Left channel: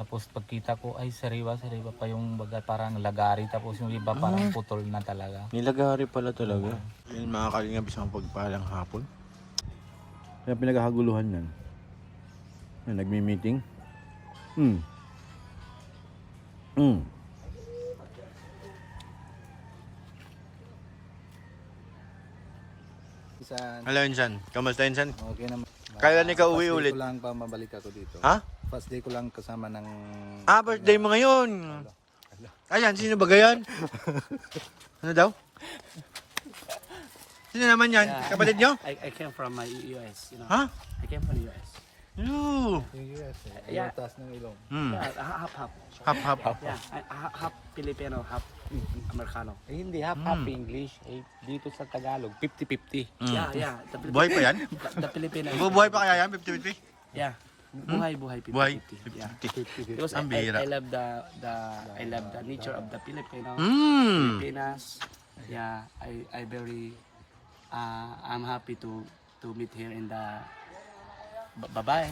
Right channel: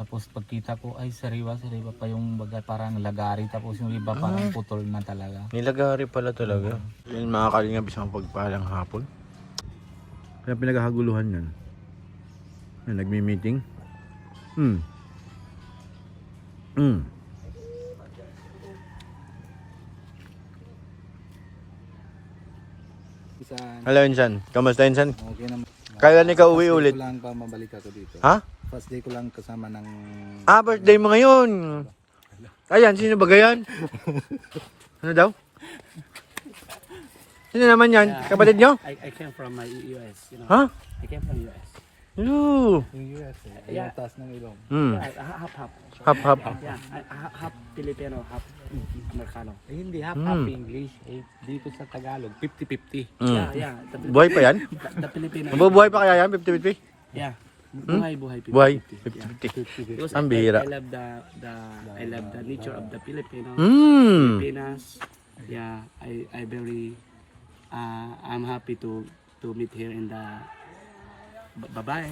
Tapos pagkita ko ay sariwa pa yung baga parang lagari, tapos yung iba parang putol na talaga. Nilagari pala talaga. Yan mga kalingap, isang pagpalang hapon. Kaya pinaghahaguluhan yan. Yan, nagmi-meeting. Hello Insan, kamusta Insan? Okay naman. Kailan ikaw uwi ulit? First day ko lang pa mabalik ako dito. Ha? First day ko lang kasama ng... Birthday mo ngayon. Ayan, sino ba gayan? Ano daw? Sino naman yan? Kapatid nyo? I came from my US, you know. Ha? I came from US. Yoo. Yung US eh. Yung taas ng ilong. Half. Hap. Yeah, half Filipino, half Americano. Hindi, half English. Dito sa Tagalog, 50-50. Yeah. Buhay pa yan? The Filipino. Mabubuhay pa kaya yan? 50-50? Yeah. Buhay. Buhay? 50-50. Because Ang bihira. I love the nature of the Filipino. Hmm. Filipinas. Yeah, I very I'm happy to meet here in the bye-bye.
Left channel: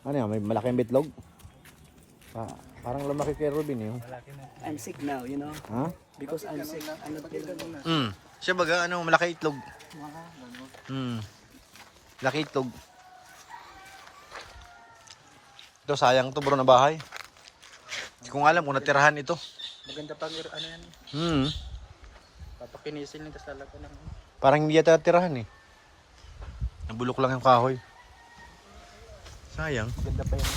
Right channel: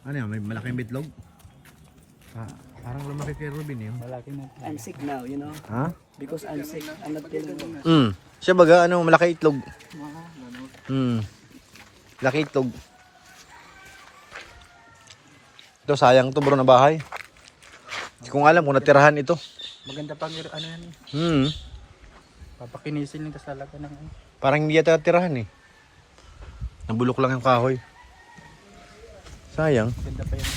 Ano yan? May malaking bitlog? Parang lumaki kay Ruben eh. I'm sick now, you know. Ha? Because I'm sick. I'm not feeling well. Siya baga, malaki itlog. Laki itlog. Ito, sayang to bro na bahay. Hindi ko nga alam kung natirahan ito. Maganda pang ano yan eh. Papakinisin nito sa lago ng... Parang hindi yata natirahan eh. Nabulok lang yung kahoy. Sayang. Maganda pa yung...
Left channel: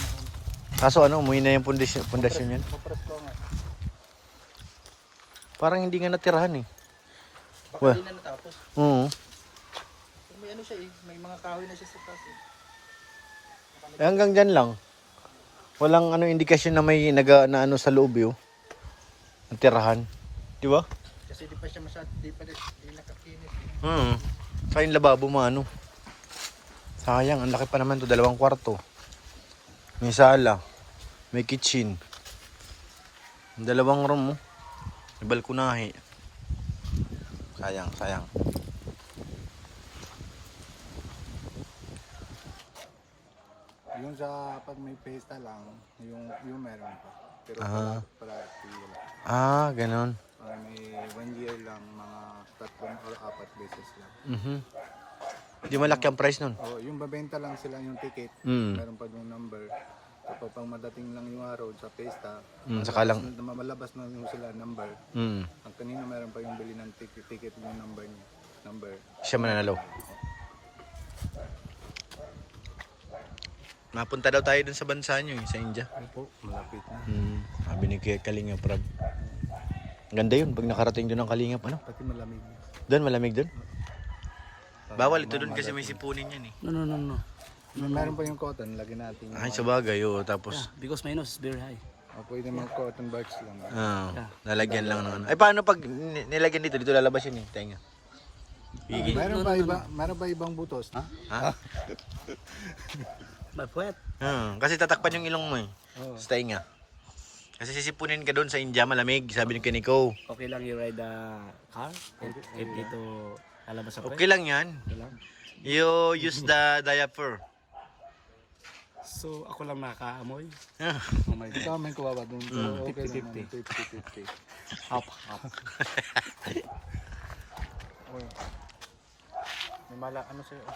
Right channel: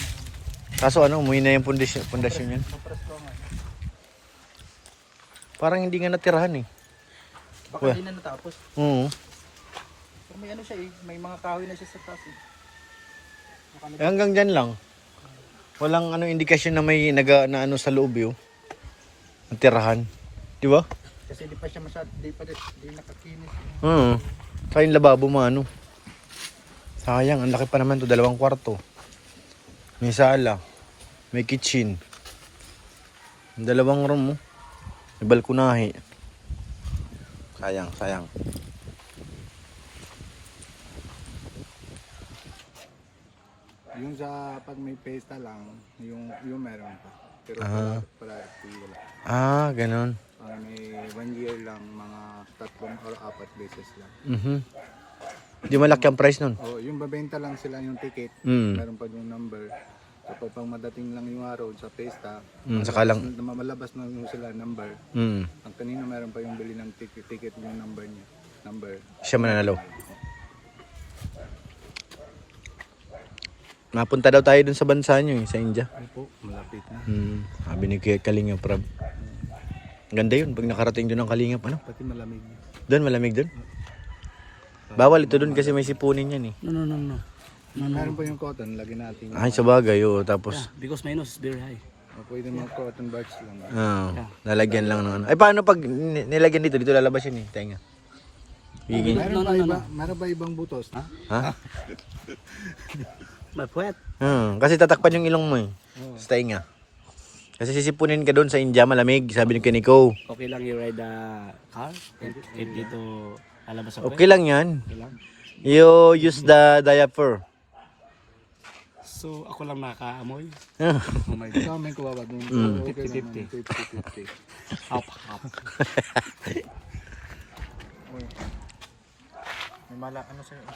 Kaso umuwi na yung pundasyon yan. Parang hindi nga natirahan eh. Baka hindi na natapos. Oo. May ano siya eh. May mga kahoy na siya sa taas eh. Hanggang dyan lang. Walang indikasyon na may na ano sa loob yun. Natirahan. Di ba? Kasi di pa siya masyado, di nakakinis. Sa yung lababo mo sayang, ang laki pa naman to, 2 kwarto. May sala, may kitchen, 2 room mo. May balkonahe. Sayang. Yung sa pag may pesta lang, yung meron pa. Pero wala. Ganon. May 1 year lang, mga 3 or 4 beses lang. Di malaki ang price nun. Yung babenta lang sila yung ticket, meron pa yung number. Kapag pang madating lang yung araw sa pesta, saka lang. malabas na yung sila number. Ang kanina meron pa yung bili ng ticket yung number niya. Siya mananalo. Napunta daw tayo dun sa bansa nyo sa India. Opo, malapit na. Sabi ni Kalingap Prab. Ganda yun pag nakarating dun ng Kalingap. Pati malamig. Doon, malamig dun. Bawal ito dun kasi may sipunin yan eh. No. Meron pa yung cotton, lagyan natin. Ay, sa bagay, tapos. Because my nose is very high. Pwede mga cotton birds lang. Lalagyan lang ng ano. Ay, paano pag nilagyan dito? Dito lalabas yun eh. Tenga. Meron ba ibang butos? Ha? Mapuwet. Kasi tatakpan yung ilong mo eh. Sa tenga. Kasi sisipunin ka doon sa India, malamig. Sabi ni Keniko. Okay lang you ride the car? If dito alabas ako. Okay lang yan. Okay lang. You use the diaper. So ako lang makaamoy. Oh my God, may kuha ba doon? 50-50. 50-50. Half. May mala, ano sa'yo?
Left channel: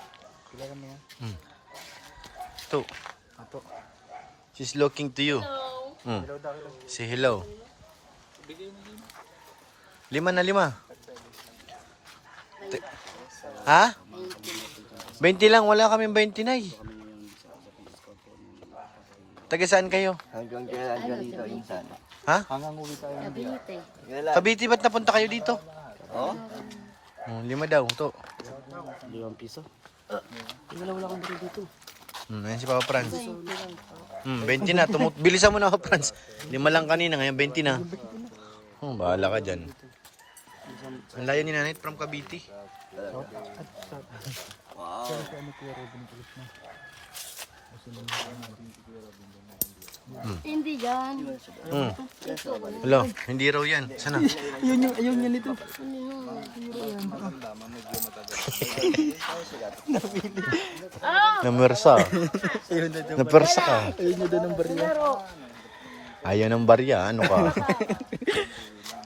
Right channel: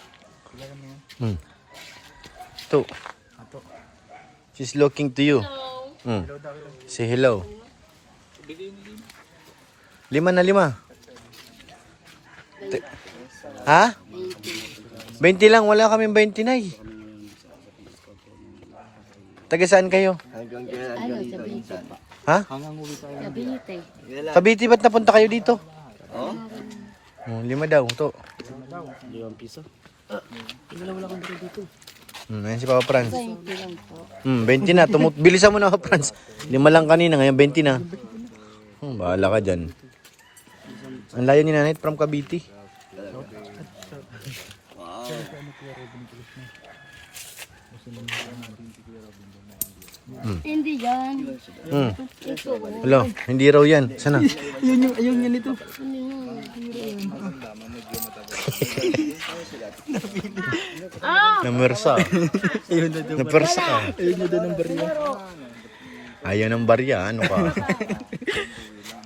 Kilala mo yan? Ito. She's looking to you. Say hello. 5 na 5. Ha? 20 lang, wala kaming 20 na eh. Taga saan kayo? Ano, sa Bite po. Ha? Hanggang uwi tayo. Sa Bite. Cavite, ba't napunta kayo dito? 5 daw, to. 2 piso. Wala akong dito. Ayan si Papa Franz. 20 lang po. 20 na. Bilisan mo na Papa Franz. 5 lang kanina, ngayon 20 na. Bahala ka dyan. Ang layo ni Nanay from Cavite. Hindi yan. Hello, hindi raw yan. Sana? Ayun niya nito. Namersa. Napersa ka. Ayaw ng barya. Ano ka?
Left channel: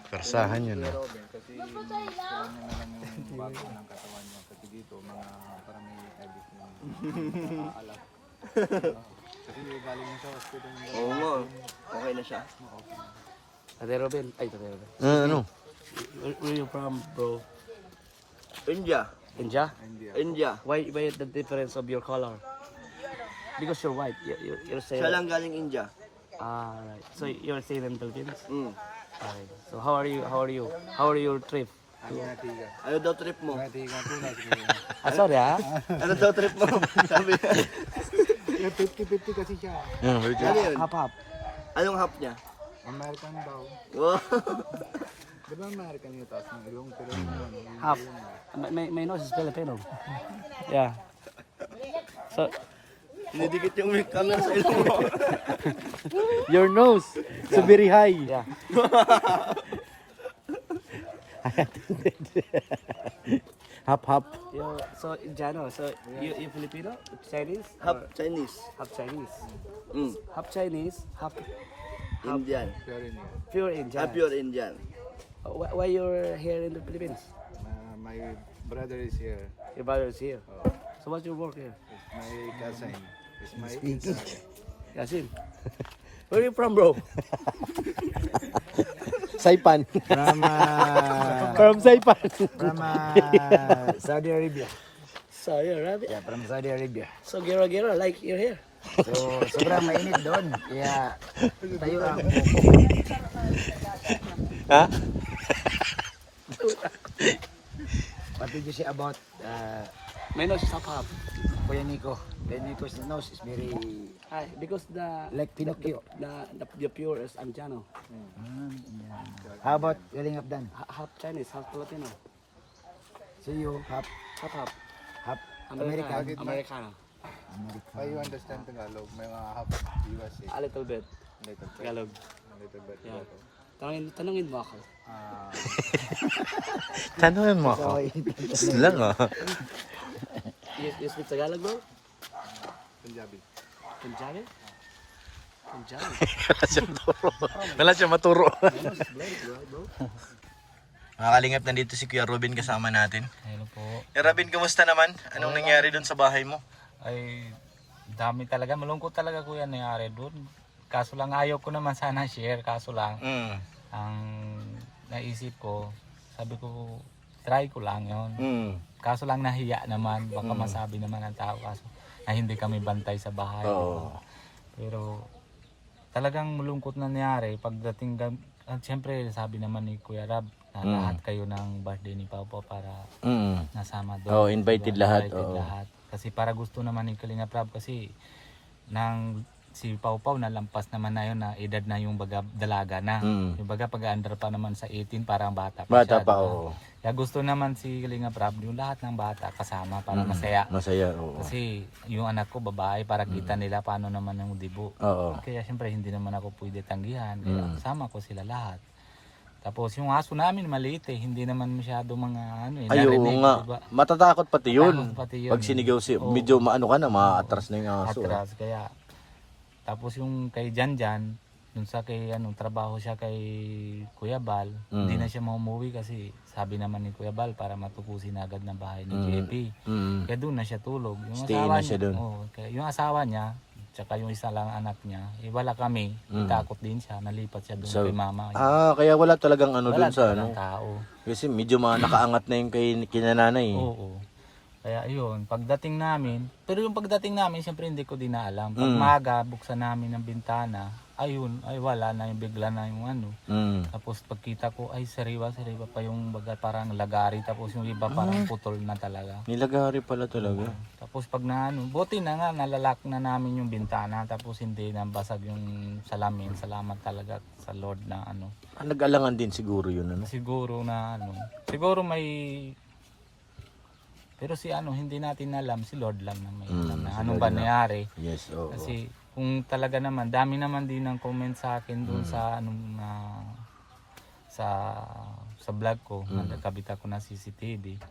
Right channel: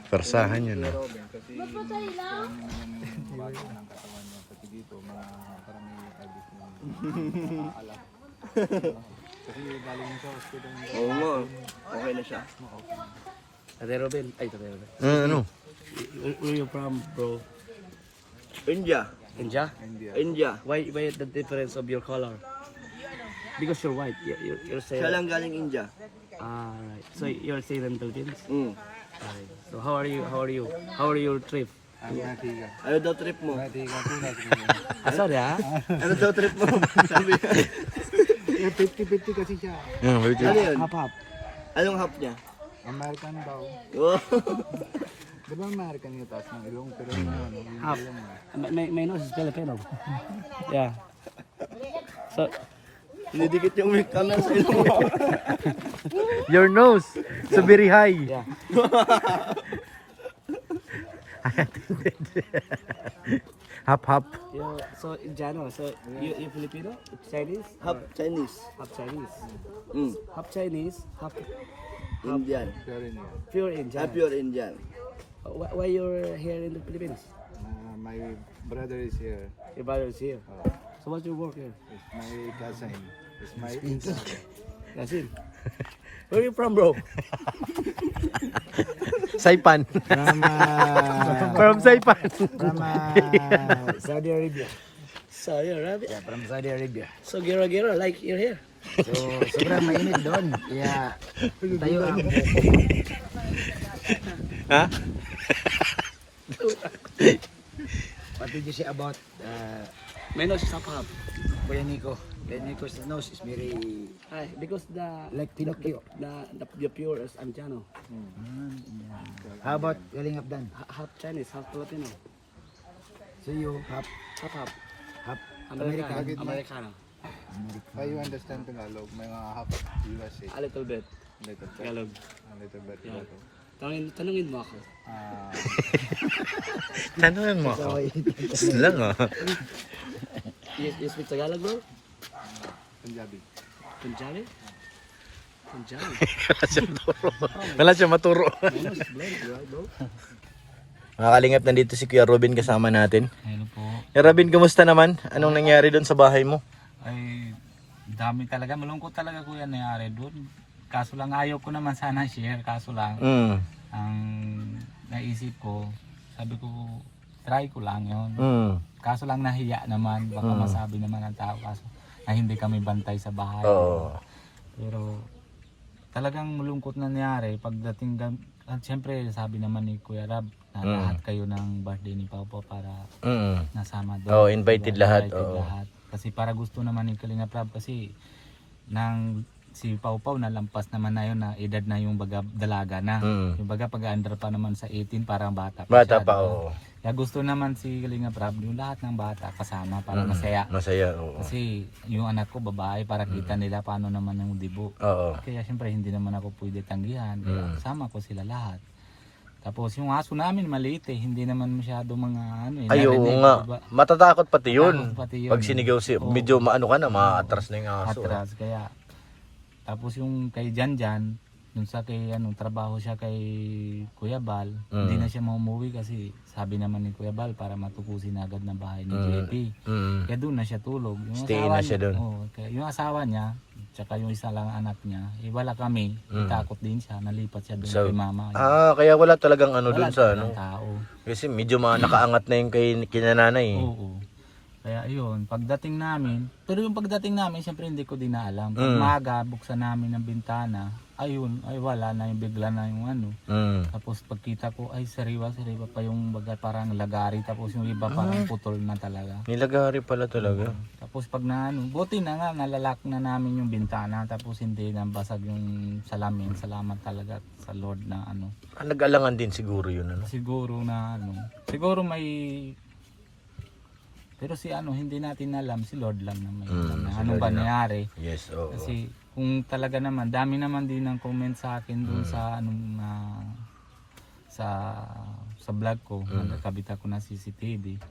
Persahan yun. Ah. Kasi kailangan niya na lang yung bago ng katawan niya. Kasi dito, mga parang may ibis yung alam. Kasi galing sa hospital. Oo nga. Okay na siya. Ate Robin, ay Ate Robin. Ano? Where you from, bro? India. India? India. Why the difference of your color? Because you're white. You're saying. Siya lang galing India. Ah, right. So you're staying in Philippines. Mm. Right. So how are you? How are your trip? Ang natiga. Ano daw trip mo? Natiga po na siguro. Sorry ah. Ano daw trip mo? Sabi. 50-50 kasi siya. Ano yun? Hap. Anong hap niya? American daw. Oh. Di ba American yung taas ng ilong? Pero ano, Half. My nose is Filipino. Yeah. So Dinidikit yung mic camera sa ilong mo. Your nose. So very high. yeah. Hap hap. So Jano, so you Filipino, Chinese, Hap Chinese. half Chinese, Mm. half Chinese, half Indian. Pero yun yun. pure Indian. Pure Indian. Why you're here in the Philippines? My brother is here. Your brother is here. Oh, So what's your work here? it's my cousin. It's my cousin. Yasin. Where are you from, bro? Saipan. From, From Saipan. from Saudi Arabia. Saudi Arabia. Yeah, from Saudi Arabia. So gira like you're here. So, sobrang mainit doon. Yeah. Tayo ang Ha? What did you say about My nose is half. Kuya Nico? Kuya Nico's nose is very Because the like Pinocchio. the pure is Anjano. How about Galing Abdan? Half Chinese, half Filipino. So you have Half. half American. American. Americano. How you understand Tagalog? May mga half USA. A little bit. Little bit. Tagalog. A little bit. Yeah. Tagalog. Tanungin mo ako. Tanungin mo ako. Lang ah. You speak Tagalog, bro? Punjabi. Punjabi? Punjabi. Wala siya maturo. My nose is blurry, bro. Mga kalingap, nandito si Kuya Robin kasama natin. Hello po. Kuya Robin, kumusta naman? Anong nangyari doon sa bahay mo? Ay, dami talaga. Malungkot talaga kuya nangyari doon. Kaso lang ayaw ko naman sana share. Kaso lang, ang naisip ko, sabi ko, try ko lang yon. Kaso lang nahiya naman. Baka masabi naman ng tao. Kaso na hindi kami bantay sa bahay. Oo. Pero talagang malungkot na nangyari. Pagdating doon, at siyempre sabi naman ni Kuya Rab, na lahat kayo ng birthday ni Pau Pau para nasama doon. Oh, invited lahat. Invited Oo. lahat. Kasi para gusto naman ni Kalinga Prab kasi nang si Pau Pau na lampas naman na yun na edad na yung baga dalaga na. Yung baga pag-under pa naman sa 18 parang bata pa Bata siya, pa, diba? oo. Kaya gusto naman si Kalinga Prab yung lahat ng bata kasama para masaya. Masaya, oo. Kasi yung anak ko babae para kita nila paano naman yung dibo. Oo. Kaya siyempre hindi naman ako pwede tanggihan. Kaya kasama ko sila lahat. Tapos yung aso namin maliit hindi naman masyado mga ano Ay, oo narinig, nga. diba? Matatakot pati yun. Matatakot pati yun. Pag sinigaw si, Oo. medyo maano ka na, maatras na yung aso. Atras kaya tapos yung kay Janjan dun sa kay trabaho siya kay Kuya Bal hindi na siya maumuwi kasi sabi naman ni Kuya Bal para matukusin agad ng bahay ni JP kaya doon na siya tulog yung Stay na siya doon. kaya yung asawa niya tsaka yung isa lang anak niya wala kami takot din siya nalipat siya doon So, kay mama Kaya wala talagang ano wala dun sa talagang ano. tao Kasi medyo nakaangat na yung kay kinananay. oo. Kaya yun, pagdating namin, pero yung pagdating namin, syempre hindi ko din na alam. Pag maga, buksan namin ng bintana, ayun, ay wala na yung bigla na yung ano. Tapos pagkita ko, ay sariwa pa yung baga parang lagari, tapos yung iba parang putol na talaga. Nilagari pala talaga. Tapos pag na ano, buti na nga, nalalak na namin yung bintana, tapos hindi nabasag yung salamin. Salamat talaga sa Lord na ano. Nag-alangan din siguro yun. Ano? Siguro na ano, siguro may... Pero si hindi natin alam, si Lord lang na may alam na anong ba nangyari. Yes, oo. Kasi kung talaga naman, dami naman din ng comment sa akin doon sa sa vlog ko, nagkakabit ako ng CCTV.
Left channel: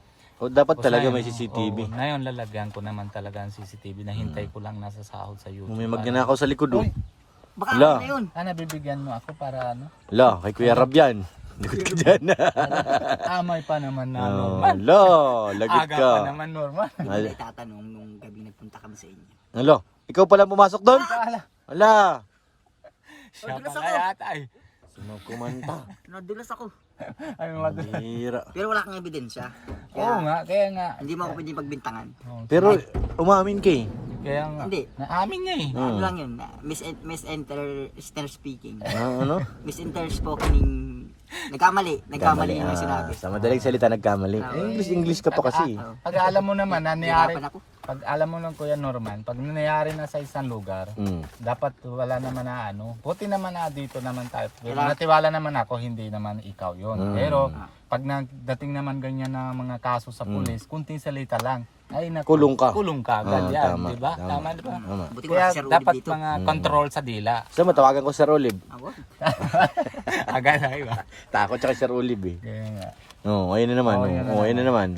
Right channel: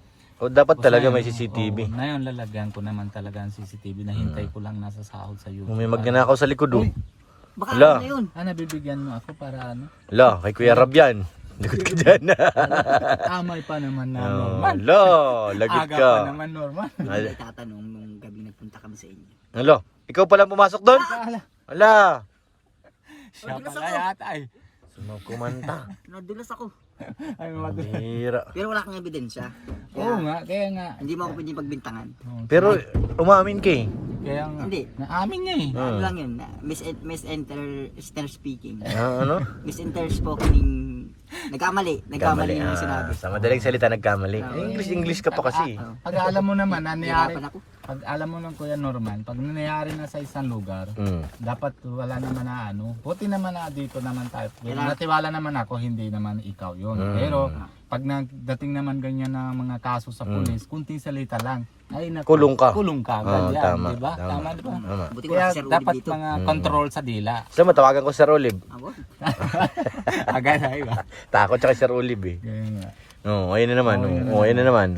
O dapat Tapos talaga ngayon, may CCTV. Oo, ngayon lalagyan ko naman talaga ang CCTV na hintay ko lang nasa sahod sa YouTube. May magnanakaw sa likod oh. Uy, Baka Wala. ano na yun. nabibigyan mo ako para ano? Ala, kay Kuya Rab yan. Lagot ka dyan. Amay pa naman na Oh, normal. ala, lagot Aga ka. pa naman normal. Hindi ko itatanong nung gabi nagpunta kami sa inyo. Ala, ikaw pala pumasok doon? Ala, Ala. siya pala yata ay. Kumanta. Nadulas ako. Ay, Hira. Pero wala kang ebidensya. Oo nga, kaya nga. Hindi mo ako pwedeng pagbintangan. Oo, Pero umamin ka eh. kaya nga. Hindi. Naamin niya eh. Ano lang yun, misinter speaking. Ano? Misinter spokening. Nagkamali yung sinabi. Sa madaling salita nagkamali. English ka pa kasi. Pag alam mo naman na nangyari, Hirapan ako. pag alam mo ng Kuya Norman, pag nangyari na sa isang lugar, dapat wala naman na ano. Buti naman na dito naman tayo. Natiwala naman ako, hindi naman ikaw yon. Pero pag nagdating naman ganyan na mga kaso sa pulis, kunting salita lang. Ay naku, Kulong ka. Kulong ka agad yan, tama, di ba? tama. Tama, di ba? Tama. Buti ko Kaya si Sir Uli dapat dito. mga control sa dila. So matawagan ko Sir Olive. Ako? Agad ay ba? Takot siya kay Sir Olive eh. Kaya nga. Oo, ayun na naman. Oo, yun na Oo, ayun na naman.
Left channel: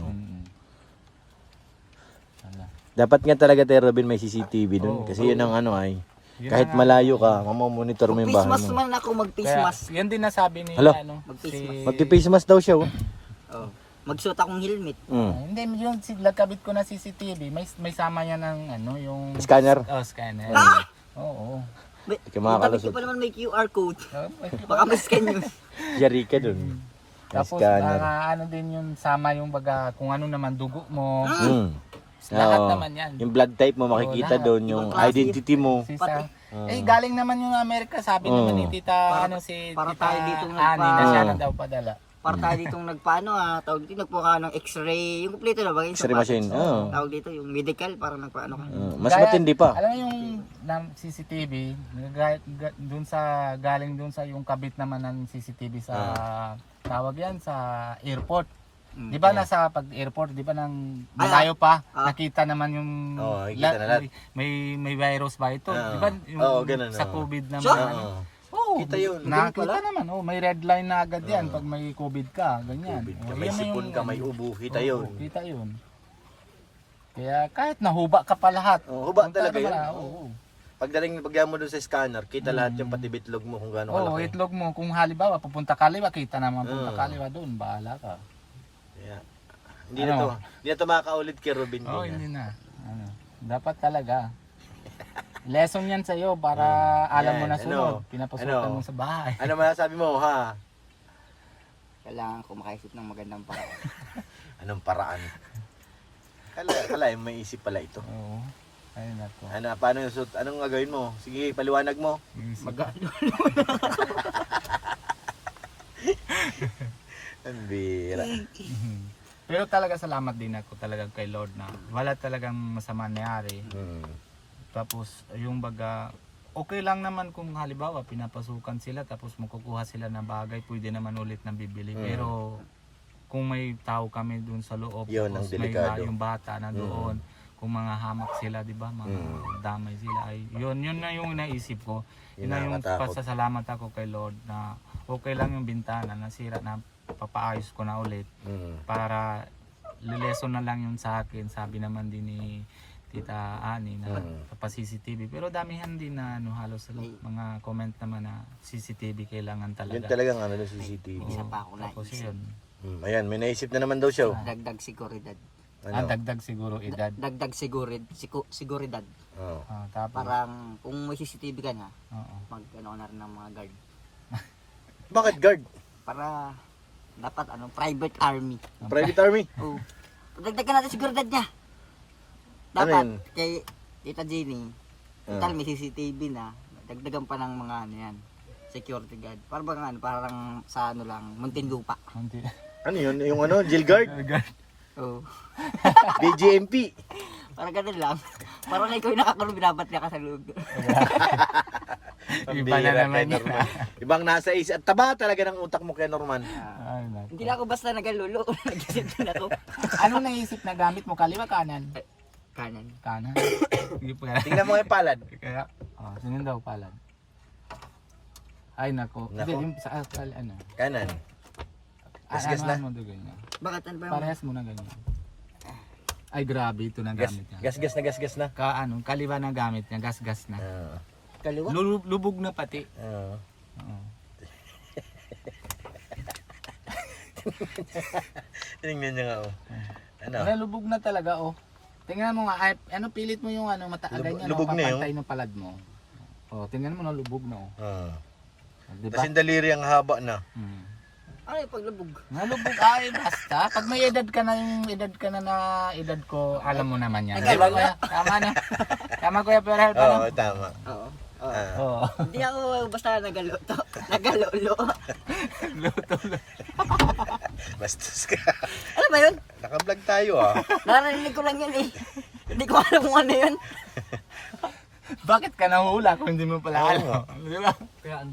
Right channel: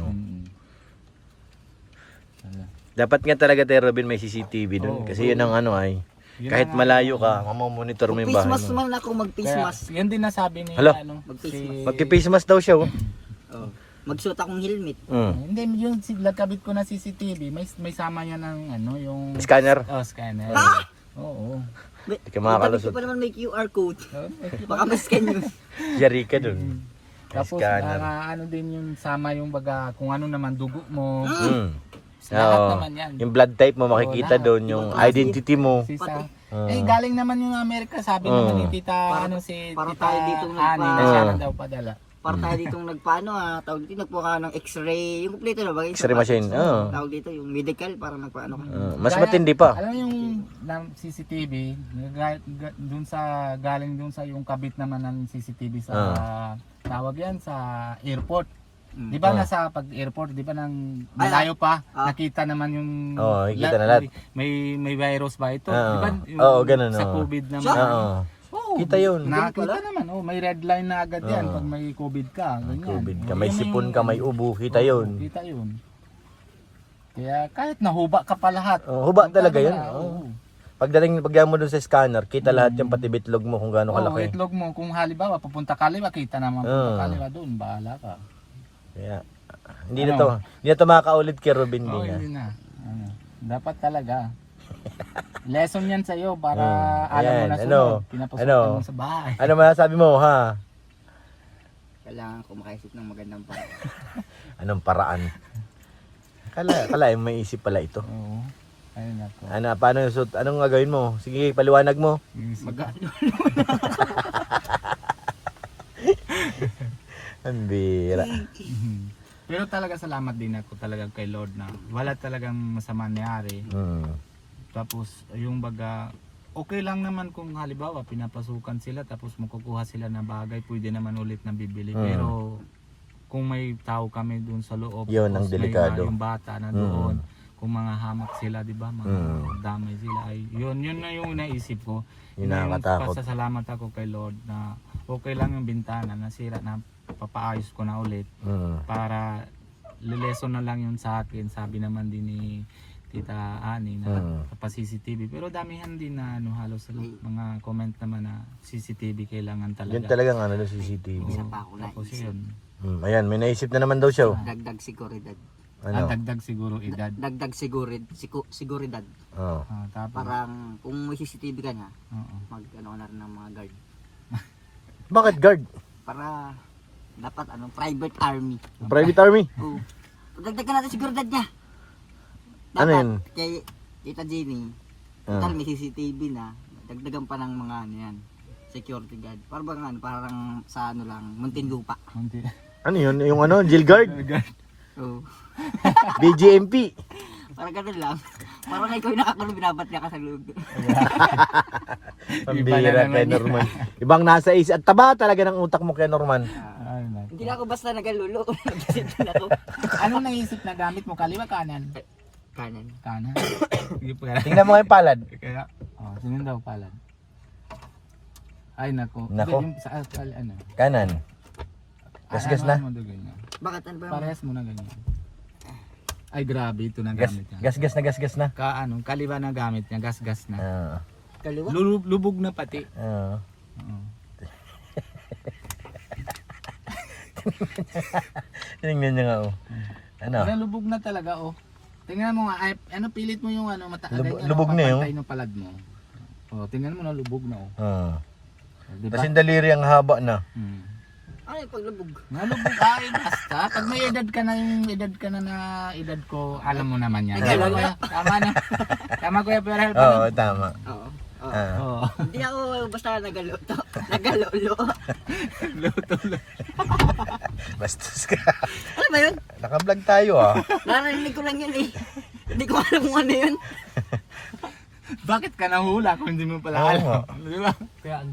Wala. Dapat nga talaga tayo Robin may CCTV doon. Oo, kasi yun ang ano ay. Yun Kahit ang- malayo ka, mamomonitor mo Kung yung face bahay mask mo. man ako, mag-face Kaya, mask. yan din nasabi ni Hala. ano, Mag-face si... Magpi-face mask daw siya oh. Oh. Magsuot akong helmet. Hindi, yung nagkabit ko na CCTV, may sama yan ng ano, yung... Scanner. Oh, scanner. Oo. Kaya mga Bakit kalusot. ko pa naman may QR code? Oh, Baka ma-scan yun. Yari ka doon. Tapos, Scanner. ano din yung sama yung baga, kung ano naman dugo mo. Hmm. Lahat Oo. naman yan. Yung blood type mo makikita lahat. doon, yung Ibang klase. identity mo. Sisa. Galing naman yung Amerika, sabi naman ni Tita, si para Tita tayo dito Ani, na siya na daw padala. Para tayo ditong nagpaano tawag dito, nagpuka ng x-ray, yung kompleto na ba? Yung X-ray machine. Oo. Tawag dito, yung medical, para nagpaano ka. Mas matindi pa. Alam mo yung CCTV, dun sa, galing dun sa yung kabit naman ng CCTV sa, tawag yan, sa airport. Di ba nasa pag-airport, di ba nang malayo pa, nakita naman yung Oo, nakikita na lahat. may virus ba ito? Di ba yung Oo, ganun, sa oo. COVID naman? Oo. Oo, Kita yun. nakita naman, may red line na agad yan pag may COVID ka, ganyan. COVID ka, Oo, may yan na sipon yung- ka, may ubo, kita Oo, yun. Kita yun. Kaya kahit nahuba ka pa lahat. Huba talaga yun. Oo. Pagdating mo doon sa scanner, kita lahat yung pati bitlog mo kung gaano Oo, kalaki. itlog mo. Kung halimbawa, papunta kaliwa, kita naman punta kaliwa doon. Bahala ka. Kaya, hindi na to makakaulit kay Robin. Oo, din, hindi na. Dapat talaga. Lesson yan sa'yo para alam mo na Ayan, sunod. ano? Pinapasukan Ano? mo sa bahay. Ano masasabi mo, ha? Kailangan ko makaisip ng magandang paraan. Anong paraan? Kala may isip pala ito. Oo. Ayun ako. Ano, paano yung suit? Anong gagawin mo? Sige, paliwanag mo. Ang bira. Pero talaga salamat din ako talaga kay Lord na wala talagang masama nangyari. Tapos yung baga, okay lang naman kung halimbawa pinapasukan sila tapos makukuha sila ng bagay, pwede naman ulit na bibili. Pero kung may tao kami doon sa loob, Yun ang tapos delikado. may yung bata na doon, kung mga hamak sila, di ba, mga damay sila, ay yun na yung naisip ko. Yun na yung Nakakatakot. pasasalamat ako kay Lord na okay lang yung bintana, nasira na, papaayos ko na ulit para lileson na lang yun sa akin. Sabi naman din ni Tita Ani na sa CCTV, pero damihan din na halos mga comment naman na CCTV kailangan talaga. Yun talagang ano ng CCTV. Isa pa ako Tapos naisip. yun, Ayan, may naisip na naman daw siya. Dagdag seguridad. Ano? dagdag siguro edad. Dagdag seguridad. Oo. Tapos, Parang kung may CCTV ka na, oo. mag ano na rin ng mga guard. Bakit guard? Para dapat private army. Private army? Oh. Dagdagan natin seguridad niya. Ano Dapat yun? kay Tita Jenny, total may CCTV na, dagdagan pa ng mga ano yan, security guard. Parang bang parang sa ano lang, Muntinlupa. Ano yun? Yung ano? Jail guard? Oh. BGMP? Parang ganun lang. Parang ikaw yung nakakulong, binabat niya ka sa loob. Iba na naman yun. Norman. Ibang nasa is. At taba talaga ng utak mo kay Norman. Ay, naku. Hindi na ako basta nagalulo. Nag-isip din ako. Anong naisip na gamit mo? Kaliwa, kanan? Kanan. Kanan. Sige pa. Tingnan mo yung palad. Kaya, sinin daw palad. Ay, nako. Nako. Hindi, yung sa ano. Kanan. Gasgas na. Ano mo daw ganyan. Bakit ano ba? Parehas mo na ganyan. Ay grabe ito na gamit niya. Gasgas na. Kaliwa na gamit niya, gas na. Oo. Kaliwa. Lubog na pati. Oo. Oo. Tingnan niya nga oh. Ano? Wala, lubog na talaga oh. Tingnan mo nga, ay, pilit mo yung mataagay niya. Lubog na yun. Papantay ng palad mo. Oh, tingnan mo na lubog na oh. Oo. Diba? Kasi daliri ang haba na. Ay, paglubog. Nalubog ay basta. Pag may edad ka na yung edad ka na edad ko, alam mo naman yan. Diba, kuya? Tama na. Tama kuya, pero help Oo, na. tama. Oo. Oo. Hindi ako basta nagaluto. Nagalolo. Bastos ka. Ano ba yun? Naka-vlog tayo ah. Narinig ko lang yun eh. Hindi ko alam kung ano yun. Bakit ka nahula kung hindi mo pala Oo alam? nga. Di ba? Kaya ang